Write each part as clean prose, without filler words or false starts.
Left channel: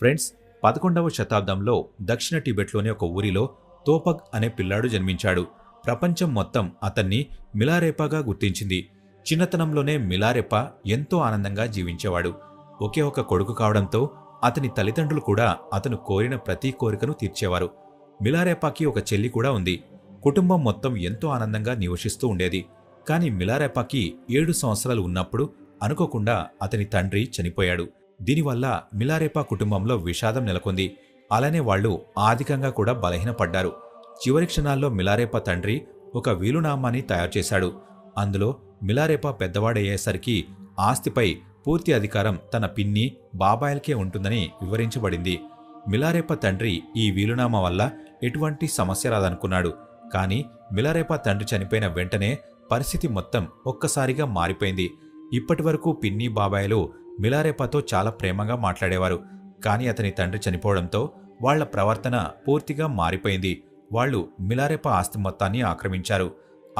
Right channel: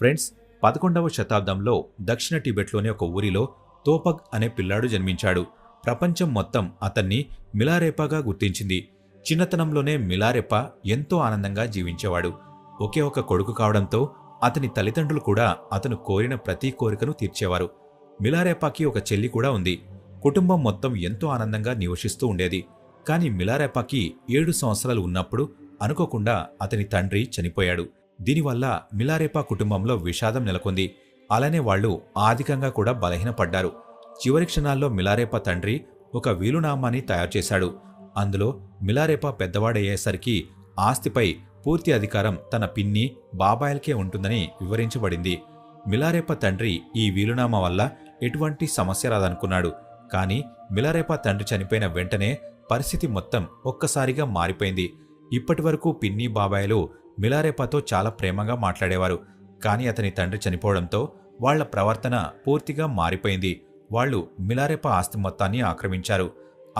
Friends, 11వ శతాబ్దంలో దక్షిణ టిబెట్లోని ఒక ఊరిలో తోపక్ అనే పిల్లాడు జన్మించాడు. ప్రపంచం మొత్తం అతన్ని మిలారేపాగా గుర్తించింది. చిన్నతనంలోనే మిలారెపా ఎంతో ఆనందంగా జీవించేవాడు. ఒకే ఒక కొడుకు కావడంతో అతని తల్లిదండ్రులు కూడా అతను కోరిన ప్రతి కోరికను తీర్చేవారు. మిలారెపాకి ఒక చెల్లి కూడా ఉంది. కుటుంబం మొత్తం ఎంతో ఆనందంగా నివసిస్తూ ఉండేది. కాని మిలారెపాకి 7 సంవత్సరాలు ఉన్నప్పుడు అనుకోకుండా అతని తండ్రి చనిపోయాడు. దీనివల్ల మిలారెపా కుటుంబంలో విషాదం నెలకొంది. అలానే వాళ్లు ఆర్థికంగా కూడా బలహీనపడ్డారు. చివరి క్షణాల్లో మిలారెపా తండ్రి ఒక వీలునామాని తయారు చేశాడు. అందులో మిలారెపా పెద్దవాడయ్యేసరికి ఆస్తిపై పూర్తి అధికారం తన పిన్ని, బాబాయిలకే ఉంటుందని వివరించబడింది. మిలారెపా తండ్రి ఈ వీలునామా వల్ల ఎటువంటి సమస్య రాదనుకున్నాడు. కాని మిలారెపా తండ్రి చనిపోయిన వెంటనే పరిస్థితి మొత్తం ఒక్కసారిగా మారిపోయింది. ఇప్పటివరకు పిన్ని, బాబాయిలు మిలారెపాతో చాలా ప్రేమగా మాట్లాడేవారు. కాని అతని తండ్రి చనిపోవడంతో వాళ్ల ప్రవర్తన పూర్తిగా మారిపోయింది. వాళ్లు మిలారెపా ఆస్తి మొత్తాన్ని ఆక్రమించారు.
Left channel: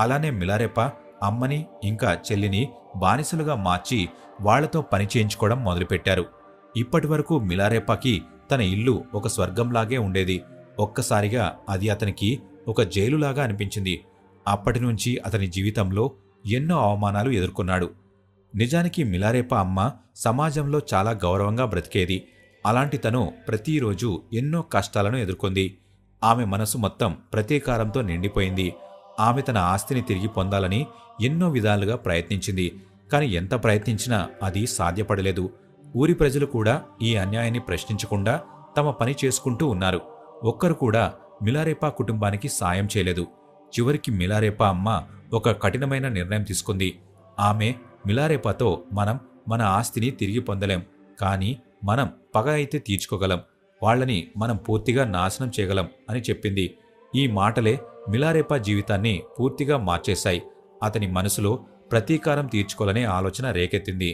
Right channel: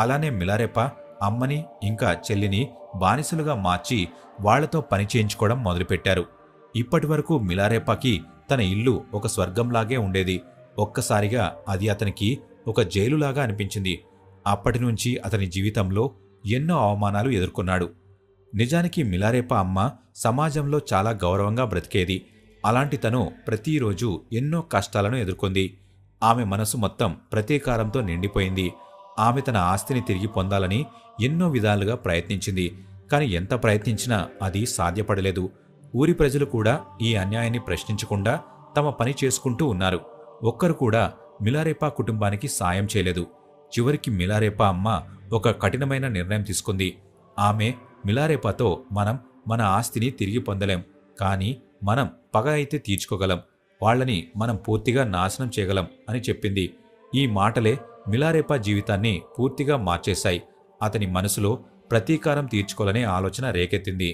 అలానే మిలారెపా అమ్మని ఇంకా చెల్లిని బానిసలుగా మార్చి వాళ్లతో పని చేయించుకోవడం మొదలుపెట్టారు. ఇప్పటివరకు మిలారెపాకి తన ఇల్లు ఒక స్వర్గంలాగే ఉండేది. ఒక్కసారిగా అది అతనికి ఒక జైలులాగా అనిపించింది. అప్పటినుంచి అతని జీవితంలో ఎన్నో అవమానాలు ఎదుర్కొన్నాడు. నిజానికి మిలారెపా అమ్మ సమాజంలో చాలా గౌరవంగా బ్రతికేది. అలాంటి తను ప్రతిరోజు ఎన్నో కష్టాలను ఎదుర్కొంది. ఆమె మనసు మొత్తం ప్రతీకారంతో నిండిపోయింది. ఆమె తన ఆస్తిని తిరిగి పొందాలని ఎన్నో విధాలుగా ప్రయత్నించింది. కాని ఎంత ప్రయత్నించినా అది సాధ్యపడలేదు. ఊరి ప్రజలు కూడా ఈ అన్యాయాన్ని ప్రశ్నించకుండా తమ పని చేసుకుంటూ ఉన్నారు. ఒక్కరు కూడా మిలారెపా కుటుంబానికి సాయం చేయలేదు. చివరికి మిలారెపా అమ్మ ఒక కఠినమైన నిర్ణయం తీసుకుంది. ఆమె మిలారెపాతో మనం మన ఆస్తిని తిరిగి పొందలేం, కానీ మనం పగ అయితే తీర్చుకోగలం, వాళ్ళని మనం పూర్తిగా నాశనం చేయగలం అని చెప్పింది. ఈ మాటలే మిలారెపా జీవితాన్ని పూర్తిగా మార్చేశాయి. అతని మనసులో ప్రతీకారం తీర్చుకోవాలనే ఆలోచన రేకెత్తింది.